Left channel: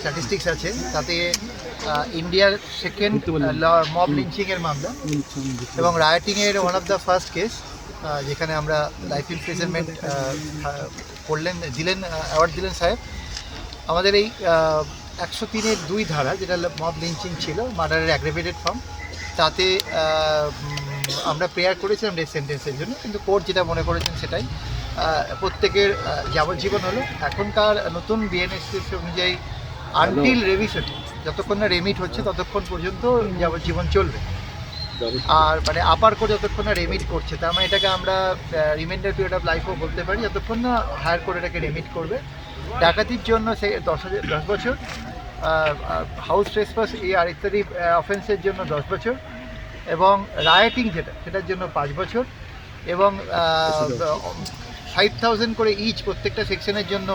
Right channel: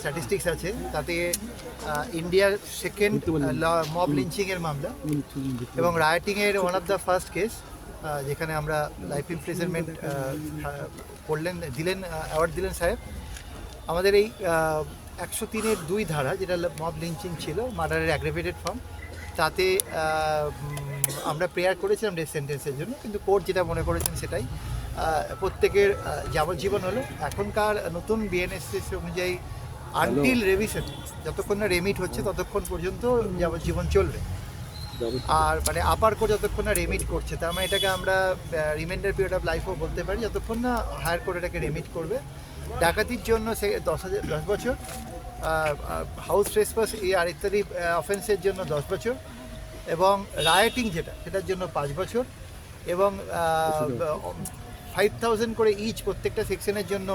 Statistics আছে তাতে ইন্ডিয়ার সেকেন্ড মব লিঞ্চিংয়ের মামলা এবং রায়োটিংয়ের one of the first case, যেখানে আমরা লাইফ ইমপ্রিজনমেন্ট অ্যাওয়ার্ড দিলেন সাহেব। আমাদের এই 103-এর 2 ধারা, যেটা মব লিঞ্চিং ছিল, মার্ডারের অ্যাগ্রেভেটেড ফর্ম, তাতে আমরা প্রেয়ার করেছিলাম ডেথ সেন্টেন্সের জন্য, কিন্তু কোর্ট যেটা মনে করেছেন সেটাই প্রত্যেকের যাবজ্জীবন হলো। এখনকার নতুন বিএনএসএস অনুযায়ী আনটিল রেভিশন, যতক্ষণ না রেমিট হচ্ছে ততক্ষণ পর্যন্ত যাবজ্জীবন চলবে। আর মানে আপার কোর্ট যতক্ষণ না রেমিট করছে, তার মানে এটাকে আমরা রিমাইন্ডার পিরিয়ড অফ লাইফও বলতে পারি, যতক্ষণ না হায়ার কোর্ট এটাকে রেমিট করবে। ডাকাতির জন্য সে 10 বছর, হাউস ট্রেসপাস আর ইত্যাদি অফেন্সের জন্য 10 বছর, এবং রায়োটিং সেটার জন্য 5 বছর, এবং 5,000 করে ইচ প্রত্যেকটা সেকশনের জন্য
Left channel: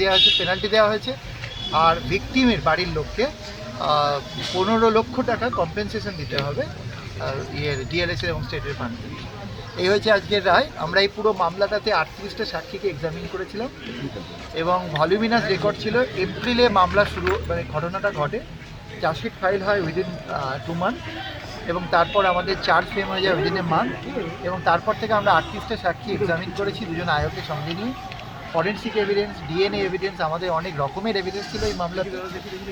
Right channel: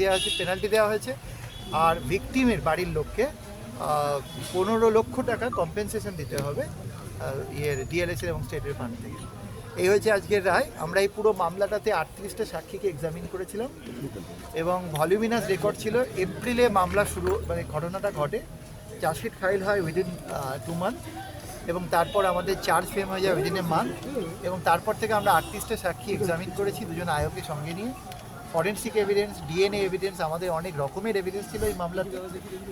দেওয়া হয়েছে, পেনাল্টি দেওয়া হয়েছে। আর ভিকটিমের বাড়ির লোককে 15 লক্ষ টাকা কম্পেনসেশন দিতে হবে ডিএলএসের এবং স্টেটের ফান্ড থেকে। এই হয়েছে আজকের রায়। আমরা এই পুরো মামলাটাতে 38টা সাক্ষীকে এক্সামিন করেছিলাম এবং ভলিউমিনাস রেকর্ড ছিল। এপ্রিলে মামলা শুরু, মানে ঘটনাটা ঘটে, চার্জশিট ফাইল হয় উইদিন 2 মান্থ, এবং তারপর আমাদের চার্জ ফ্রেম হয়ে যায় উইদিন এ মান্থ, এবং তারপর থেকে আমরা 38টা সাক্ষী এক্সামিন করেছি, 2 জন আয়োগের সঙ্গে নিয়ে। ফরেন্সিক এভিডেন্স, ডিএনএ এভিডেন্স, আমাদের অনেক রকমের এভিডেন্স ছিল এই মামলাতে।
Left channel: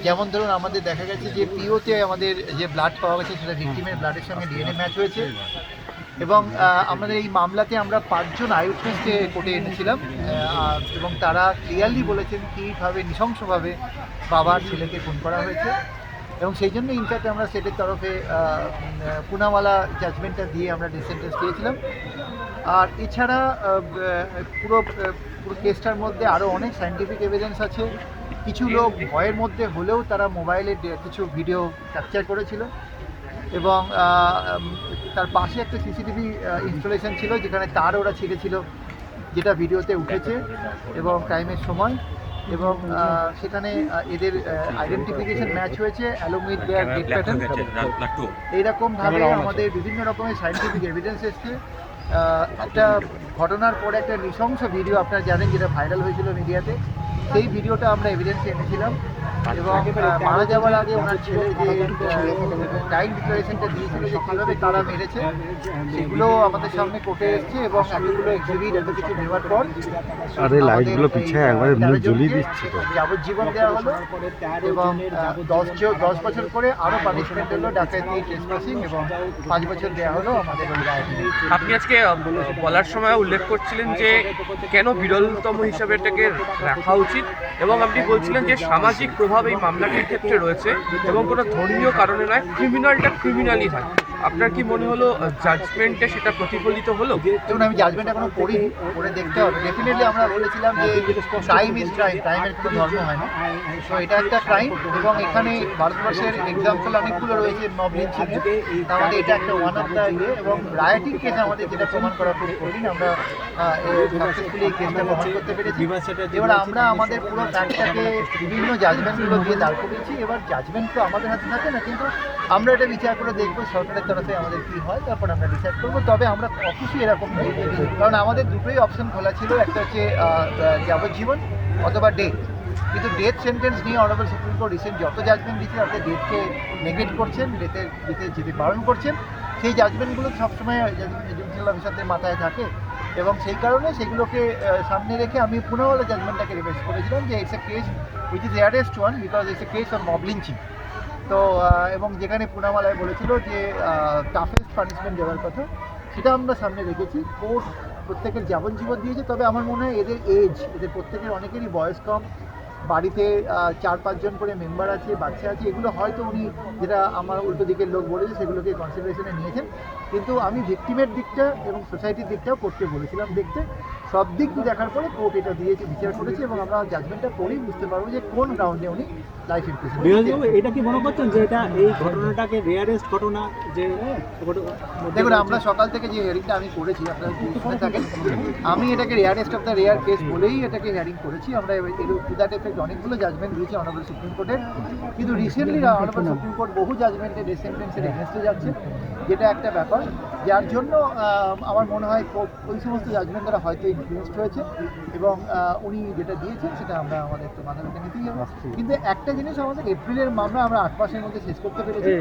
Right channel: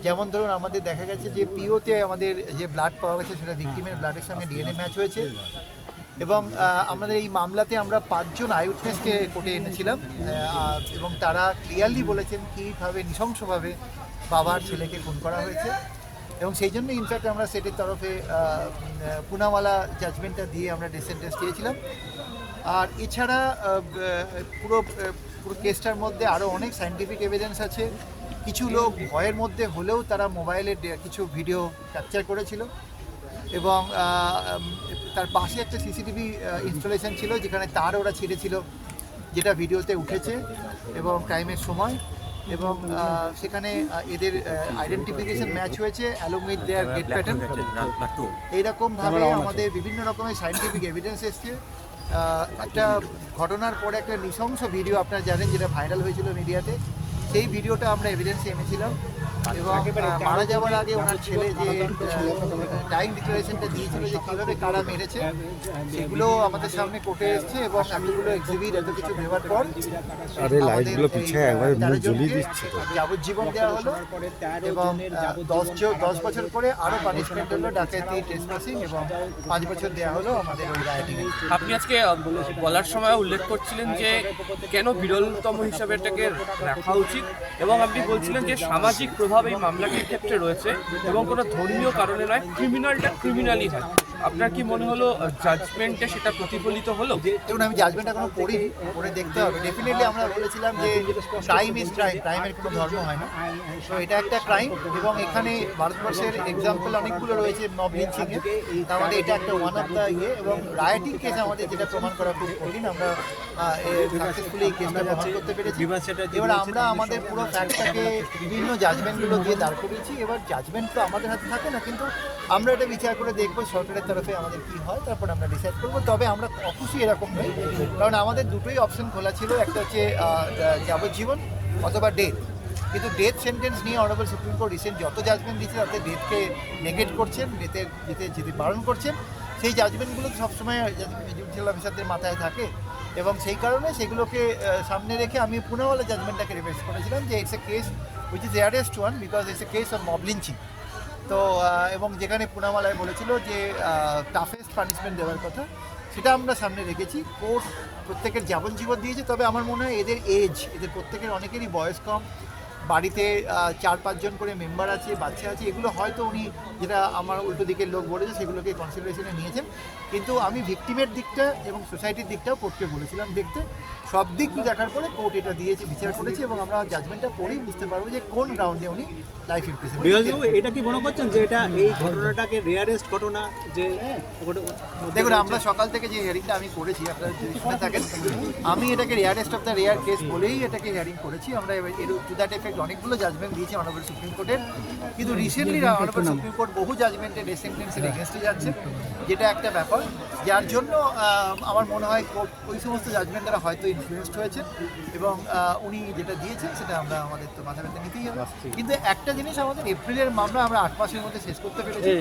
যেমন ধরুন, আমাদের দেখা গেছে যে পিওতে আমাদের যে ব্লাড পাওয়া গেছে সেটা ভিকটিমের ব্লাডের সঙ্গে ডিএনএ ম্যাচ হয়েছে। এবং আমাদের এই মামলাতে আমরা 5 জন আইউটনেসকে কোর্টে এনেছিলাম, এবং তারা ক্লিয়ারলি বলেছেন কীভাবে নৃশংসভাবে বাবার ছেলেকে খুন করা হয়েছে। এবং সেই জন্য ইনফ্যাক্ট আমরা সেটের তরফে পুনাওয়ালা জাজমেন্টটা দিয়ে আমরা ডেথ সেন্টেন্স দিয়েছিলাম। আর এছাড়া পুরো কেসটার মধ্যে আরও অনেক সায়েন্টিফিক এভিডেন্স আছে। কিছু লোক ভয়ের মধ্যে হলেও তারা মোবাইলে কিছু ভিডিও ক্যাপচার করেছিল, এবং তার পাশে একটা সিসিটিভি ইনস্টলেশন ছিল যেখানে তার ওরা ছিঁড়েছিল, যেটা ভিডিওতে উঠেছে এবং ক্রাইমের সময়। এবং সেখানে এদের আইডেন্টিফিকেশন ম্যাচ হয়েছে along with their date pattern. এইরকমভাবে আমাদের বিভিন্ন রকমের সায়েন্টিফিক এভিডেন্স এসছে। একটা ঘটনার পরে একটা নৃশংস ভিডিও আপনারা জানেন, যেটা ভাইরাল হয়েছিল মিডিয়াতে, সেই ভিডিওটা আমরা এভিডেন্সে এনেছিলাম। এবং মারা যাওয়ার আগে ওনার ছেলে যে টাইম ডিক্লারেশনটা দিয়েছিল যে কীভাবে কারা মেরেছে, সেগুলো আমাদের সামনে কোর্টে এসছে। এবং এতগুলো এক্সিবিট, এত কিছু নেওয়ার পর যাবজ্জীবন দেওয়া হলো, এবং 10 বছর করে আরও পানিশমেন্ট হলো ডাকাতি, ট্রেসপাসিং, এবং 5 বছর দেওয়া হলো আমাদের ওই রায়টি। আপনি আজকে বলার সময় উল্লেখ করছিলেন যে কেন বিরলতম হিসাবে এটাকে রাখা উচিত, এবং আপনি বলছিলেন যে সামাজিক প্রভাব এই মামলাটির ক্ষেত্রে রয়েছে এবং কোনো ধর্মীয় কারণে নয়, ক্রিমিনালটা ক্রিমিনালই হয়। আপনার কি মনে হলো জাজমেন্টে সেটা প্রতিফলিত হলো? দেখুন, আমি জাজমেন্ট এখনো পড়িনি, পড়ে দেখতে হবে। ডেফিনেটলি আমরা বলেছিলাম যে ক্রাইম ইজ ক্রাইম, ক্রাইমের কোনো ধর্ম হয় না। তো এটা একটা ক্রাইম, এবং এখানে ভারতবর্ষের এক্সাম্পল অনেকগুলো রয়েছে মব লিঞ্চিংয়ের, তার মধ্যে এটা একটা ওয়ান অফ দ্য এবং রায়োটিং কেস আমাদের যেটা প্রমাণ করা খুব কঠিন, আমরা সাকসেসফুলি কেসটা প্রমাণ করতে পেরেছি। এবার আমরা আমাদের পুরো ফ্যাক্টটাকে বিভিন্ন জাজমেন্টগুলো দিয়ে দাঁড় করেছি। এবার জাজমেন্ট তো আমাদের হাতে থাকে না, কিন্তু আমরা এটা বিচার করে দেখবো সরকারের তরফে আমাদের কী হয়, তারপর আমরা ডিসাইড করবো। তবে আমরা অবশ্যই এরকম নেই, কারণ আমাদের দুটোই অপশন খোলা ছিল, একটা হচ্ছে যাবজ্জীবন অথবা ডেথ। কিন্তু ডেথ সেন্টেন্স নিয়ে অনারেবল সুপ্রিম কোর্ট রিসেন্ট যত জাজমেন্ট দিচ্ছে তাতে ডেথকে নেগেট করছেন, ডেথে যেতে বারণ করছেন। সেই জাজমেন্টগুলো সবসময় জুডিশিয়াল অফিসারদের মাথায় থাকে, এবং সেই কারণে সেগুলোকে সামনে রেখে আমি পুনাওয়ালা জাজমেন্টটাকে রিকোয়েস্ট করেছিলাম যে it's a case which is rarest one because it's a case on mob lynching. তো এবং যেখানে পুনাওয়ালায় বলেছিল যে টাফেস্ট পানিশমেন্ট দেওয়ার কথা, সেটা আমরা সামনে রেখেছি। কোর্ট প্রত্যেকের যাবজ্জীবন দিয়েছে, তবে আমার মনে হয় এদের প্রত্যেকের অনেকেরই বয়স কম, বাড়িতে 4-5 জন করে মেম্বার আছে, বাচ্চা আছে, এগুলো হয়তো উনি, যেটা আমার উল্টো দিকের লোক বলেছে, সেগুলোকে কনসিডারেশনে নিয়েছেন। কিন্তু আমি ভিকটিমের দিকটা এবং সোসাইটির দিকটাও কোর্টকে বলেছিলাম দেখতে। সব দিক দেখার পরে কোর্ট এটা দিয়েছে, বিচার করেছে, এবং আমরা জাজমেন্টটা পড়েই বুঝতে পারবো যে কোন গ্রাউন্ডে উনি লাইফ ইমপ্রিজনমেন্ট। এটা কি মনে করছেন যে এটা এই ঘটনাটাকে রেয়ারেস্ট ঘটনা? যে দেখুন, আমরা সকাল থেকে যে হিয়ারিংটা আমি করেছি, আপনারা যদি শুনে থাকেন, আমি এটাকে rarest of the rare case বলেই এটাকে হিয়ারিং করেছি। আমরা টু দ্যাট এফেক্ট অনেকগুলো জাজমেন্ট দিয়েছি অনারেবল সুপ্রিম কোর্টের, কিন্তু রিসেন্টলি অনারেবল সুপ্রিম কোর্ট বহু জাজমেন্টে ডেথ সেন্টেন্সের এগেনস্টে যাচ্ছে, যেটা একটা ব্যাপার, যার জন্য আমার মনে হয় কোর্ট ওই সমস্ত জাজমেন্ট দ্বারা হয়তো ইনফ্লুয়েসড হয়েছে, এবং উনি যেটা দিয়েছেন সেটা আমরা আমাদের তো মাথা ব্যথা নিতেই হবে। কিন্তু একটা জিনিস আমাদের এপ্রিলের মামলা আমরা 8 মাসের মধ্যে শেষ করতে পেরেছি।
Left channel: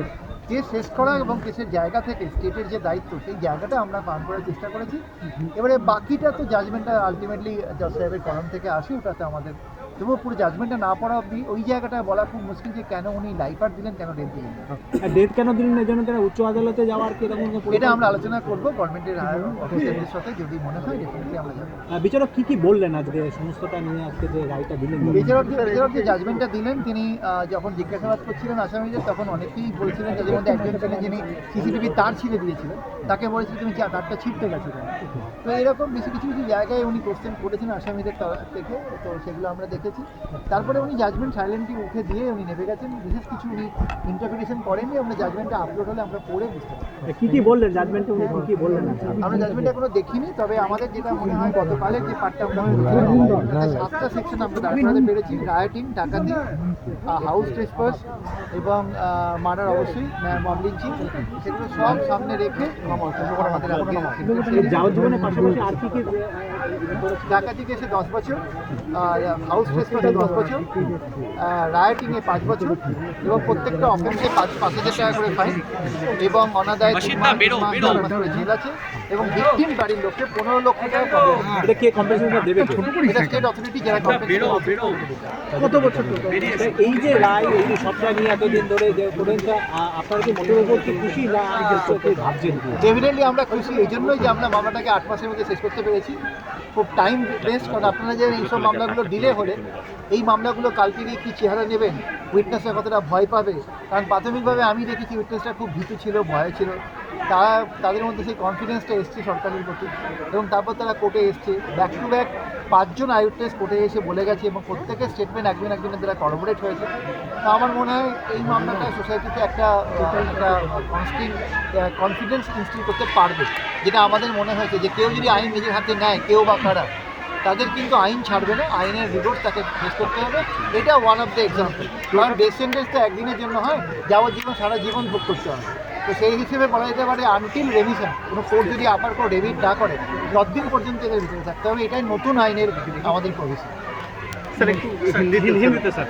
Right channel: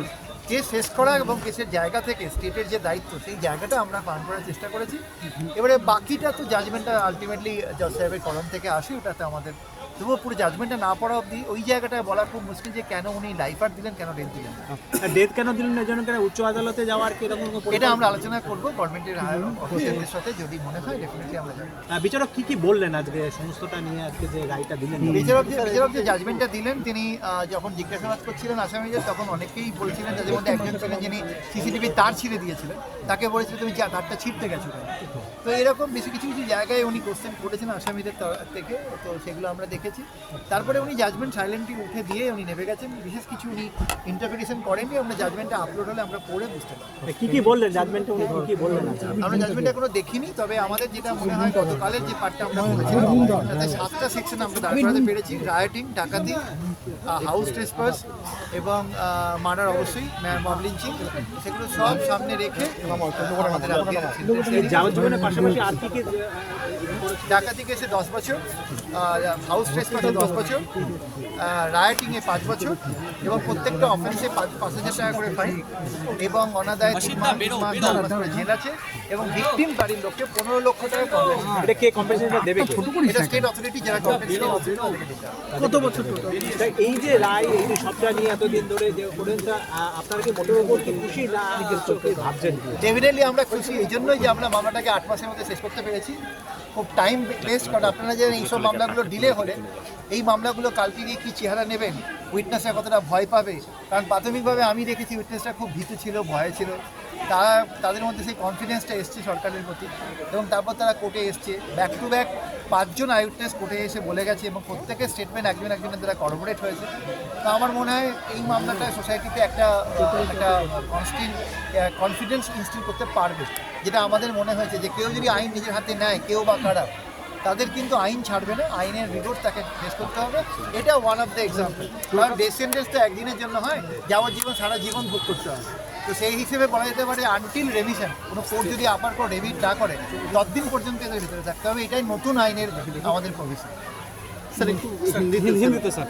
কেস শেষ করা এবং কেসের জায়গা থেকে স্টেটের যে দায়িত্ব সেই জায়গাটা আমরা পালন করার চেষ্টা করেছি। এবারে বাকিটা তো জাজমেন্টটা আলটিমেটলি জজ সাহেবের কলম থেকে আসে, ওটাতে আমাদের তবুও পুরো জাজমেন্টটা না পড়া অবধি ওই জায়গাটা বলা খুব মুশকিল যে কেন উনি লাইফার দিলেন, কেন ডেথ দিলেন না। ডেথ কেন দিলেন এই জন্য কেন উচ্চ আদালতে যাওয়ার কি এরকম কোনো এটা আমরা আলোচনা করবো গভর্নমেন্টের হায়ার অফিসারদের সাথে, যদি মনে হয় ডেফিনেটলি আমরা যাবো। বিচারক কি বললেন আজকে সমস্তটা নিয়ে, আজকে যে রায়টা দিলেন? বিচারক যে জাজমেন্টটা দিলেন, তিনি যখন জিজ্ঞাসাবাদ করছিলেন আসামিদের তখন অনেকেই বলছিলেন, তাদের মধ্যে একজন ছিলেন যিনি সিসিটিভি তার ছিঁড়ে দিয়েছিলেন, তাকে বলেছিল তুমি তারটা ছিঁড়তে গেছো কেন। তো এরকম বেশি কিছু কিছু জায়গায় উনি কোশ্চেন করেছেন আসামিদের থেকে, তো সেগুলো আমরা দেখেছি। তারপরে উনি জাজমেন্ট সাইলেন্টলি উঠে দিয়ে উনি নেমে গেছেন, বিশেষ কিছু উনি ইন্টারপ্রিটেশন করেননি। আমরা জাজমেন্টটা আপলোড হলে আমরা পড়ে বুঝতে পারি কি বললেন জাজমেন্টে, উনি কি বললেন? আমরা জাজমেন্ট এখনো দেখিনি, তবে আমাদের যেটা মনে হয় গতকালের যে পার্টটা আমরা করেছিলাম তাতে 7টা সেকশন আমরা দাঁড় করাতে পেরেছি। রায়োটিং, ডাকাতি, হাউস ট্রেসপাস এবং মার্ডার, অবশ্যই মব লিঞ্চিং, সেগুলো সব সামনে রেখে আমাদের যাবজ্জীবনের পাশাপাশি আর কি ডাকাতি কেসে 10 বছর, হাউস ট্রেসপাসে 10 বছর, রায়োটিংয়ে 5 বছর এবং প্রত্যেকটা অফেন্সে 5,000 টাকা করে ফাইন এবং অনাদায় 3 মাস করে জেল আছে এবং ভিকটিম বাড়ির লোককে 15 লক্ষ টাকা কম্পেনসেশন। এটা কি কম্পেনসেশন দেবে? এটা স্টেট অথরিটি যারা কম্পেনসেশন কত বছর এই যে রায়, এই যে সবটা নিয়ে এতদিন ধরে যে পর্যন্ত আপনারা কি মোটের উপর কি খুশি না ভাবছেন? ডেফিনেটলি আমরা খুশি এই জন্যই যে আমরা মামলাটাকে 8 মাসের মধ্যে শেষ করতে পেরেছি। খুব টাইম ওয়েস্ট করেন আপনারা, যে এইসব মামলাগুলো ডিলে হলে এই মামলাগুলো কালকে গিয়ে কী চেহারা নেবেন, উইটনেসরা কতটা ভয় পাবে। কারণ প্রাথমিকভাবে আমি দেখেছি উইটনেসরা খুব ভীতু ছিল, ভয় ছিল, তাদের মধ্যে সেই কনফিডেন্সটা এসছে সরকারের প্রতি এবং তারপর তারা কোর্টে এসছে। ব্যাক টু ব্যাক 5 জন আই উইটনেস কোর্টে এসে বলে গেছে এবং প্রত্যেকের স্টেটমেন্ট একজনের দ্বারা করবোরেট হয়েছে। তো আমার মনে হয় এই মামলাটা সোসাইটিতে একটা কনফিডেন্স ইনস্টিল করতে পারবে, যেটা আমাদের মনে হয়েছে যে কেউ যদি আইন নিজের হাতে নেয়, কেউ বা কারা, তাদের কিন্তু আইন ছাড়বে না, আইনের রিপোর্ট তাকে ফেস করতে হবে। এটা ওয়ান অফ দ্য এক্সাম্পল। কারণ ডেথ সেন্টেন্স তো একদিনের জন্য হয়, যাবজ্জীবন সারা জীবন ভোগ করতে হবে। তো সেই হিসেবে বলা যেতে পারে আনটিল রেভিশন, কোনো কোর্ট যদি আবার কোনো রেভিট না করে 10 দিন পর্যন্ত এদের ভিতরে থাকতে হবে। এটাই নতুন আইনের আমাদের প্রভিশন। হিন্দিতে স্যার।